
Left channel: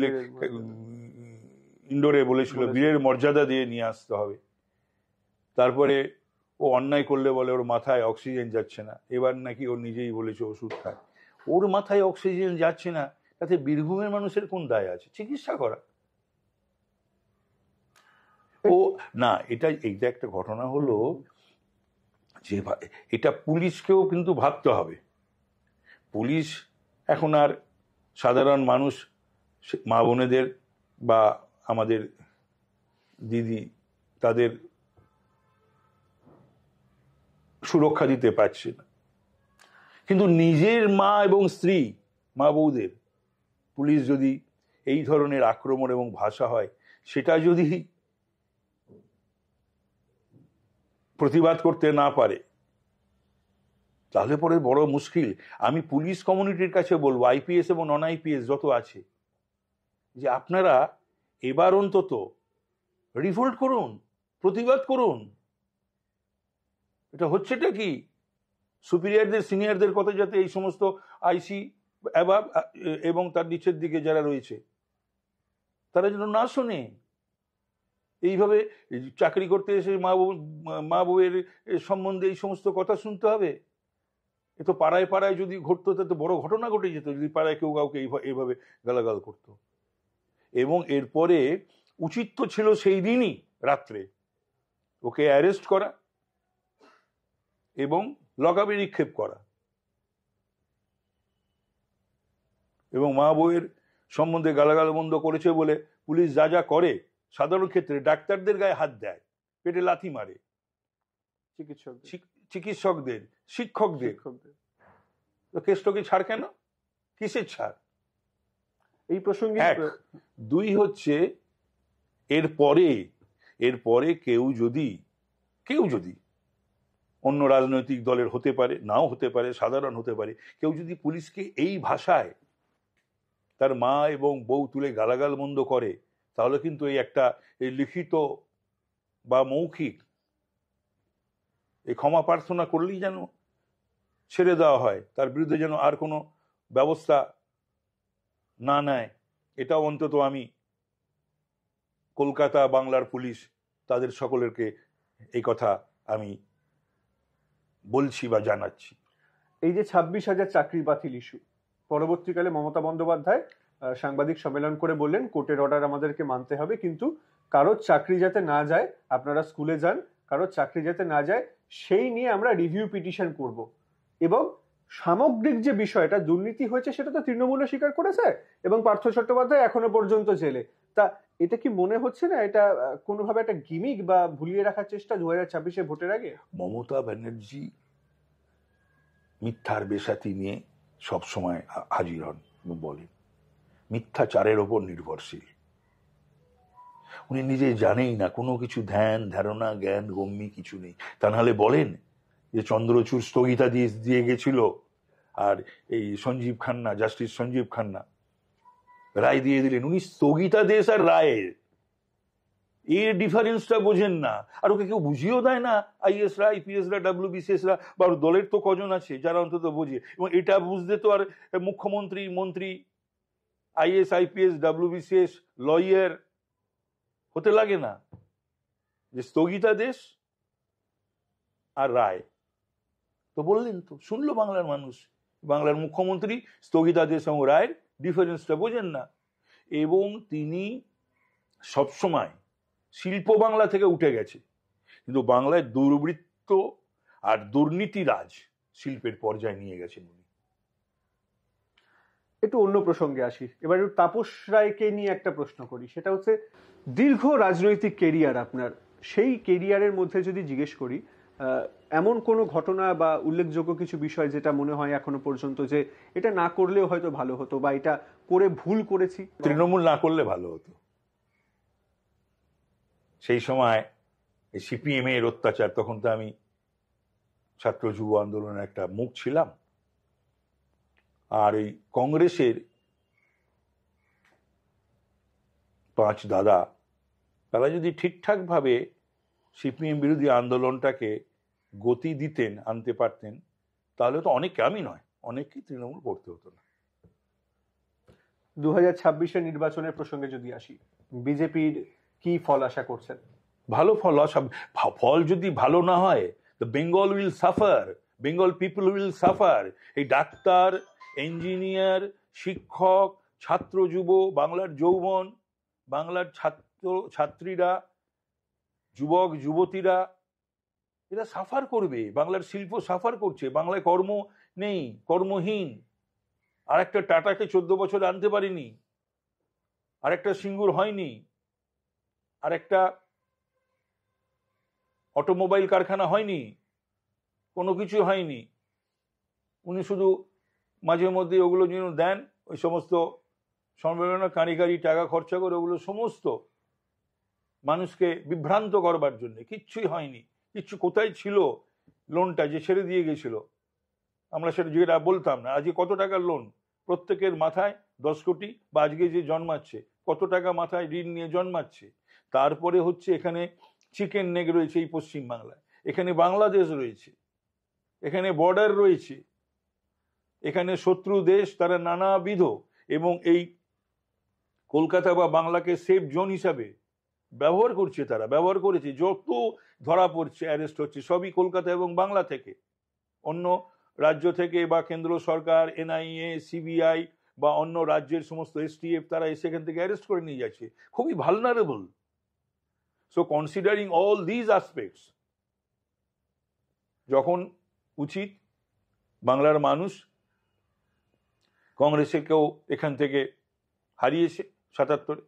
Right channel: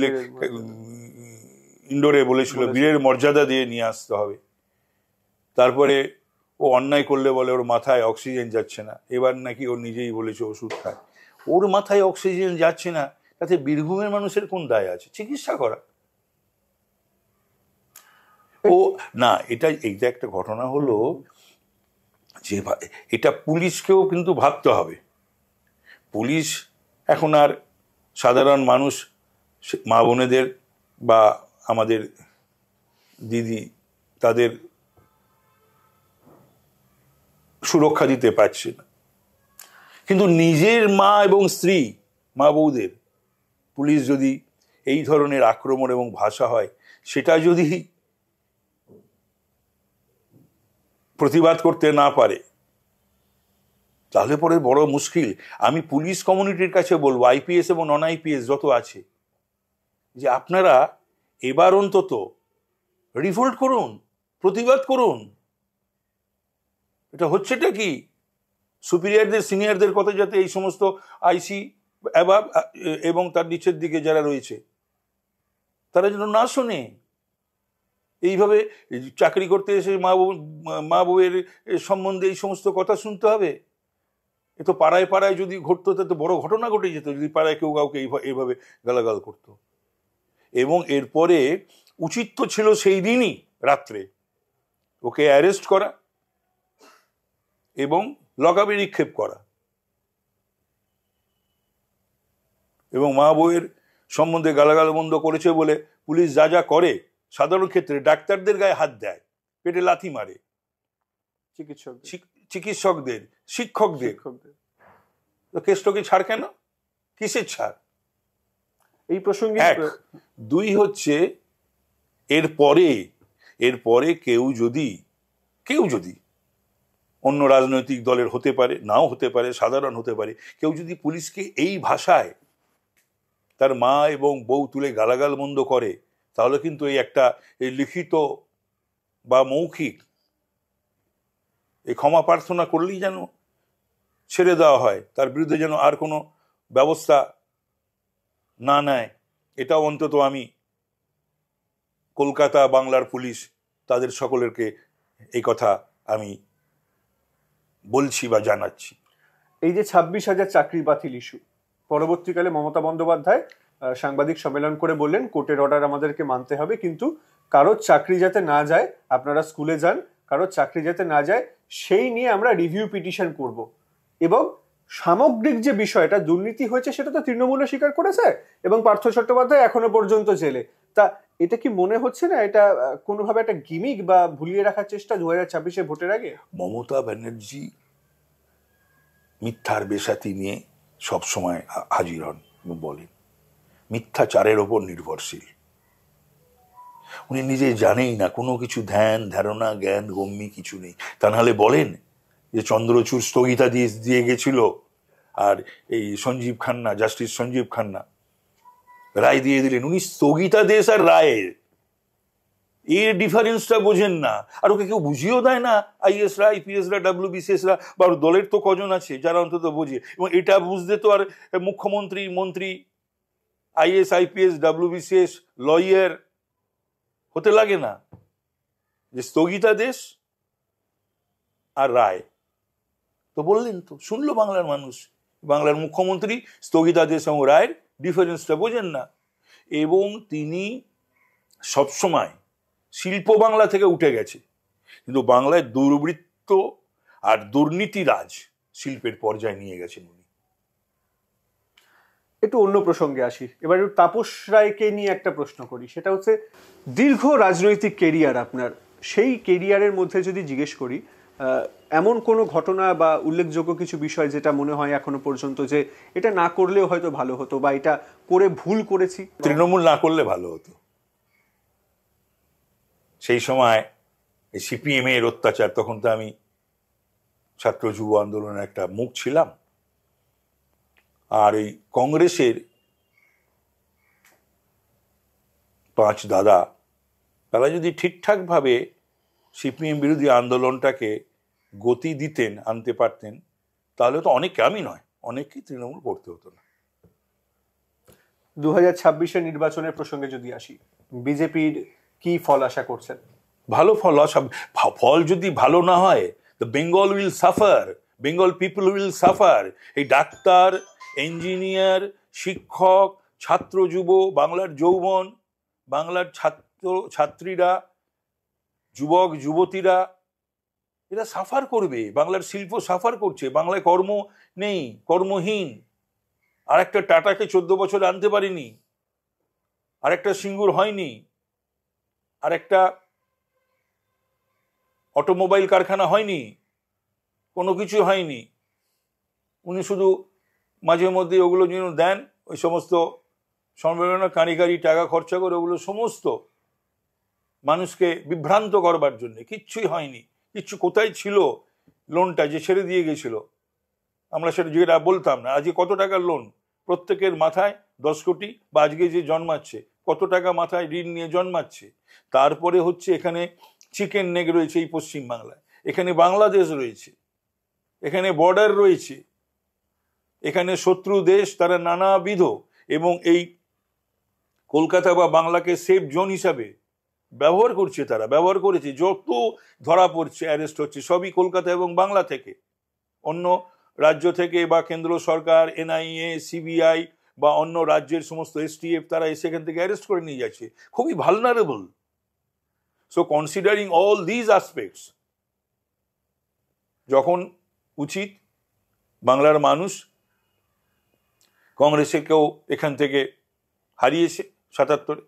ইন্ডোরে বলেছিল বীরের মর্যাদা দিয়ে নিয়ে আসতে হবে। তারপরে ও অন্যায় করলে বলে ওর মাথায় অক্সিজেন যাচ্ছে না, এবার নাকি ও নিজেই বলেছে ওষুধ খায়। ওর মাথায় অক্সিজেন যাচ্ছে না, তাতে বীরভূমের মানুষের কোন দায় আছে? চিকিৎসা করা। ও না, এইটা একটা ঘটনা হলো যে এটা পুলিশকেও কিন্তু ভাবতে হবে। পুলিশ এখন আর সাধারণ মানুষ, মা বোনেদের বা আমাদের দিদি, তাদের সুরক্ষা দিতে পারছে না, কিন্তু নিজের মা এবং স্ত্রী, মা বউদের পুলিশ যদি এই ধরনের আক্রমণ এবং ভাষা হয়, সেটা যদি প্রতিবাদ করতে না পারে, তাহলে পরে বড় মুশকিল। আমি পুলিশ কমিউনিটির কাছে বলবো, আইপিএস এবং নন আইপিএস যত আছে, যে আপনারা এবার অন্তত রিভোল্ট করুন, প্রতিবাদ করুন। এটা হচ্ছেটা কি? সুপিরিয়রদের, সিনিয়রদের কথা যাতে এই সমস্ত আইসি এবং তার নিচের দিকে যারা রয়েছে তারা যেন না শোনে। এইভাবে চাকরি করতে এসে মা বউয়ের সম্বন্ধে এই সমস্ত কথা শুনতে হবে? এ তো পাড়ায় পাড়ায় যদি ঘটতো তাতে বড় ঘটনা ঘটে যেত, যদি পাড়ায় কেউ কাউকে এইভাবে গালাগাল করতো। এবং এরপরে উচিত তো ছিল সেই দিনই রাত্রে ওকে অ্যারেস্ট করা এবং লকআপে নিক্ষেপ করা, এবং মা বউয়ের সম্বন্ধে গালাগাল বন্ধ করেছে বলে পুলিশ যা যা করে, সাধারণ ক্ষেত্রে ডাক্তারদের গায়ে হাত দেয়, পেটে লাথি মারে, চিকিৎসকদের, শিক্ষকদের, তো কেষ্টকে ছাড় কেন? কিসের ছাড়? এই প্রসঙ্গে দুই হচ্ছে, এরপরে কেউ যদি অন্য রাজনৈতিক দলের হতে পারে, নাও হতে পারে, সাধারণ হতে পারে, কেউ যদি পুলিশকে এই ভাষায় তার মা এবং বউ তুলে গালাগাল বন্ধ করে, তাহলে কিন্তু এই লিখিত বা মৌখিক এই ক্ষমা প্রার্থনা করলেই যেন ছেড়ে দেওয়া হয়, তার বিরুদ্ধে যেন আর কোনো ব্যবস্থা না নেয়। এটাও অন্তত আমি কলকাতা বাংলার পুলিশ তাদের সকলেরকে এই কথা আমি বলছি বা জানাচ্ছি। এই যে 26,000 চাকরি বাতিল ইস্যু, পরবর্তীকালে মমতা বন্দ্যোপাধ্যায় সাংবাদিক সম্মেলন করে বললেন কোর্টের অর্ডার আমাদেরকে মানতে হবে, কিন্তু কারোর চাকরি যাতে না যায়, আপনারা স্কুলে যান, কারোর চাকরি যাতে না যায় সেই নিয়ে আমরা রিভিউ পিটিশন করব। এবং সামগ্রিক যে বিষয়টা দুর্নীতি হয়েছে সেটা তো তৃণমূলও স্বীকার করেছে, এবং পার্থ চট্টোপাধ্যায় এখনো পর্যন্ত জেলে। তা এটা কি মনে হচ্ছে না এটা কোনোভাবে একটা গিমিক বা ভুলিয়ে রাখার চেষ্টা 2026-এ ভোটের আগে? মমতা ব্যানার্জি মিথ্যার বেসাতি নিয়ে সবসময় হাজির হন এবং বলেন মিথ্যাচারের ওপর নির্ভরশীল। উনি নিজে জানেই না, কোনো কিছু ধ্যান ধারণা জ্ঞান গম্যি কিছু নেই। তা নাহলে বলেন যে চন্দ্রচূড় স্থগিতাদেশ দিয়ে গেছিল, আর এই সঞ্জীব খান্না, জাস্টিস সঞ্জীব খান্না রায় দিয়ে দিলেন। উনি স্থগিতাদেশ আর রায়ের এর ডিফারেন্সটা বোঝেন না, আর ওকে কেউ বুঝিয়েও দেয় না। আইএসরা, আইপিএসরা, ডাব্লিউবিসিএসরা বা দলের তো কজন আছে যারা অন্তত বোঝে, এবং এটা বুঝতে তো আর মুখ্যমন্ত্রী, মন্ত্রী, আইএস, আইপিএস, ডাব্লিউবিসিএস লয়ার হতে লাগে না। যে স্থগিতাদেশ আর রায় তো বললেন, তো শুনলো বাংলার মানুষ। বাংলার মুখ্যমন্ত্রী স্থগিতাদেশ এবং রায়ের ডিফারেন্সটা বোঝেন না, এবং তিনি সবসময় শিল্প বাংলা থেকে উঠে গেছে, কিন্তু বাংলায় দুর্বৃত্ত আর দুর্নীতিরাজ শিল্পের পর্যায়ে নিয়ে গেছেন উনি। একটু অন্য প্রসঙ্গে আসি, এবার তাপস রায়কে নিয়ে একটা প্রশ্ন করি। সেটা হচ্ছে দীর্ঘ রাজনৈতিক কেরিয়ার আপনার, সেই কেরিয়ারের মধ্যে যদি জিজ্ঞেস করি এমন কোনো ঘটনা বা উল্লেখযোগ্য কিছু বিষয় যেটা মনে হয় এখনো পর্যন্ত যে এটা না করলেও হয়তো ভালো হতো, বা এটা করে ভুল করেছি? তৃণমূল না করলে ভালো হতো। সেই সময় এই সিপিএম এর অত্যাচার, তখন তো আমি ছাত্র যুব আন্দোলনের একটা মুখ ছিলাম, আর এই কংগ্রেসের 5 দাদা, তারা যদি ঠিকঠাকভাবে সিপিএম বিরোধী আন্দোলনটাকে গতি দিতেন, আনতে পারতেন, তাহলে তো অনেকে, আমি নয়, অনেককেই তৃণমূল করতে হতো না। 2026-এর নির্বাচনের প্রসঙ্গে যদি আসি, বিজেপির কি ফল আশা করছেন? ভালো ফল আশা। ফল যদি ভালো না হয়, the Bengal will suffer, Bengal people will suffer. এই ডাক্তার, ইঞ্জিনিয়ার, শিক্ষক, ছাত্র যুব, বাংলার যৌবন, বাংলার ছাত্র ছাত্রীরা, যুবক যুবতীরা, এরা সাফার করবে। বাংলার শিল্প সাফার করছে, বাংলায় কর্ম নেই, কর্মহীন। আর একটা টাটাকে 14 বছরে আনতে পারিনি, আর একটা সিঙ্গুর হয়নি, আর একটা অটোমোবাইল কারখানা হয়নি, কোনো কিছু হয়নি। উনি শুধু মাঝে মধ্যে ওগুলো যেন দেন, ওই সমস্ত সম্মেলনে কারিগরি টাকা খরচা করে, ওগুলো সমস্ত মানুষকে বিভ্রান্ত করবার জন্য। কিচ্ছুই হয়নি, কিচ্ছু। কোথায় ছিল লোনটা যে ছেড়ে দিয়ে গেছিল? আমরা যেটা বলতাম না, আজকে কত টাকার লোন প্রত্যেকের মাথায়, 10 কোটি, বা আজকে যে জন্মাচ্ছে কত টাকা মাথায় ঋণ নিয়ে জন্মাচ্ছে। তারপরে হচ্ছে এখানে চিকেন নেক রয়েছে এই পশ্চিমবাংলায়, এখানে বাংলাদেশ রয়েছে, এখানে বর্ডার রয়েছে, এখানে শত্রু দেশ তারা নানাবিধ, এবং এই কলকাতা বা বাংলাকে সেফ জোন হিসাবে ব্যবহার করছে, তারা ব্যবহার করেছে। যত ধরা পড়ছে, অ্যারেস্ট হচ্ছে, সবই কলকাতা এবং বাংলা থেকে। অন্য রাজ্য থেকে বা কেন্দ্র সরকার, এনআইএ, সিবিআই বা অন্য রাজ্যের সমস্ত এসটিএফ তারা এসে এখান থেকে অ্যারেস্ট করে নিয়ে যাচ্ছে, খুবই vulnerable. So considering all these aspects, যখন উচিত বাংলার মানুষ কংগ্রেসকেও এখান থেকে হারিয়েছে 77-এ,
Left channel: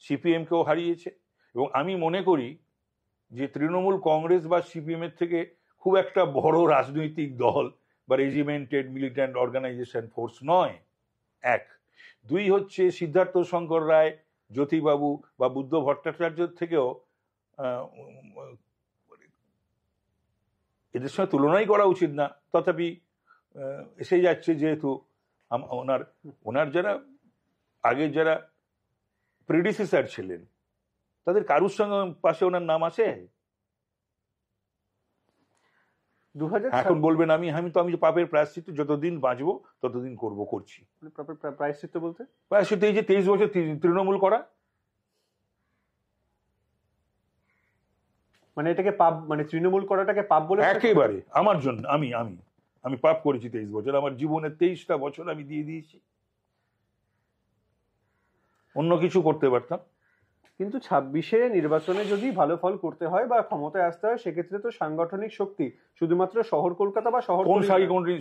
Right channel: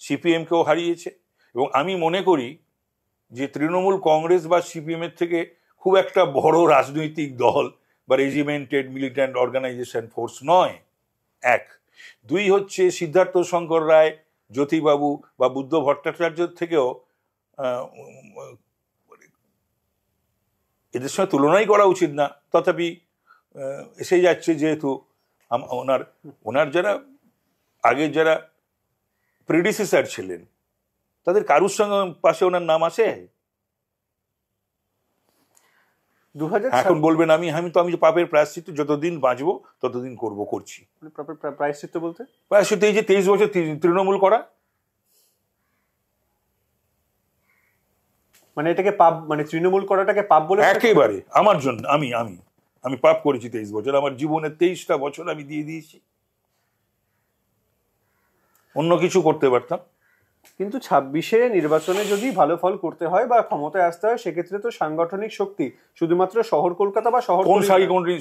সিপিএমকেও হারিয়েছে, এবং আমি মনে করি যে তৃণমূল কংগ্রেস বা সিপিএমের থেকে খুব একটা বড় রাজনৈতিক দল বা রেজিমেন্টেড মিলিট্যান্ট অর্গানাইজেশন ফোর্স নয়, এক। দুই হচ্ছে সিদ্ধার্থ শঙ্কর রায়, জ্যোতিবাবু বা বুদ্ধ ভট্টাচার্যের থেকেও এদের সঙ্গে তুলনাই করা উচিত না। তথাপি এসে যাচ্ছে, যেহেতু ওনার যারা আগের যারা প্রেডিসেসর ছিলেন তাদের কারুর সঙ্গে পাশে ওনার নাম আসে। এখন বলবেন আমি তো পাপের প্রায়শ্চিত্ত যতদিন বাঁচবো ততদিন করছি। প্রায়শ্চিত্ত বলতে প্রায়শ্চিত্ত এই যে 23 বছর তৃণমূল করা, মানে এটাকে পাপ, মানে তৃণমূল করাটাকে পাপ বলে? একেবারে আমার জন্য আমি পাপ করেছি 23 বছর, আমার জীবনের 23টা বছর আমি দিয়ে দিয়েছি, অন্য কিছু করতে পারতাম। কিন্তু 26-এ নির্বাচনে যদি ভালো ফল করতে হয় বা ক্ষমতায় আসতে হয়, সেক্ষেত্রে তো সাংগঠনিক শক্তি শুধুমাত্র শহর কলকাতা বা শহর, কোন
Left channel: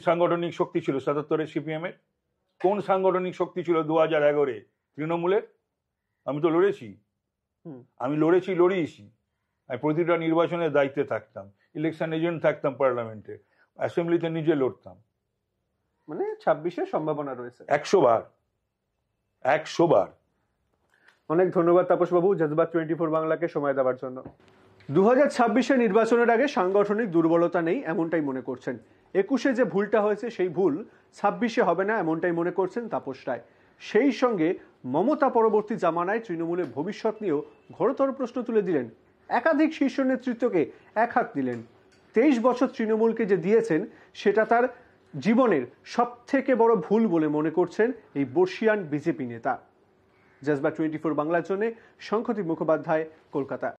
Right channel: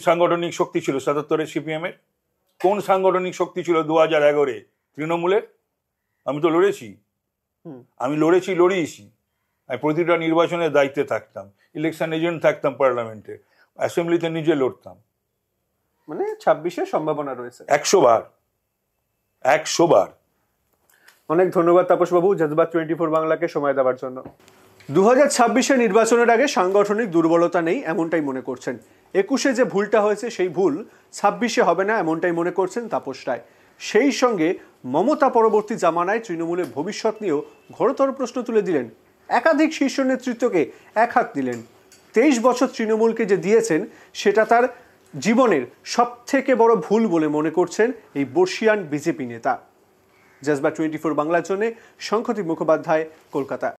সাংগঠনিক শক্তি ছিল 77-এ সিপিএম এর? কোন সাংগঠনিক শক্তি ছিল 2011-এ তৃণমূলের? আমি তো লড়েছি, লড়িয়েছি। আমি প্রতিটা নির্বাচনের দায়িত্বে থাকতাম, ইলেকশন এজেন্ট থাকতাম পার্লামেন্টে, অ্যাসেম্বলিতে নিজে লড়তাম। মানে 26-এ সম্ভাবনা রয়েছে 100 বার। অনেক ধন্যবাদ তাপসবাবু জজবাত 24 বাংলাকে সময় দেওয়ার জন্য। 2026-এ নির্বাচনের আগে সাংগঠনিক দুর্বলতা নেই এমনটাই মনে করছেন। 21-এ যে ভুলটা হয়েছে সেই ভুল 26-এ হবে না এমনটাই মনে করছেন তাপস রায়। সেই সঙ্গে মমতা পরবর্তী জামানায় তৃণমূলের ভবিষ্যৎ নিয়েও ঘোরতর প্রশ্ন তুলে দিলেন। একাধিক শীর্ষ নেতৃত্বকে এক হাত দিলেন। 23 বছর তৃণমূলকে যে দিয়েছেন সেটা তার জীবনের সবথেকে বড় ভুল বলে মনে করছেন এই বর্ষিয়ান বিজেপি নেতা। জজবাত 24 বাংলার জন্য শঙ্খদীপ মুখোপাধ্যায়, কলকাতা।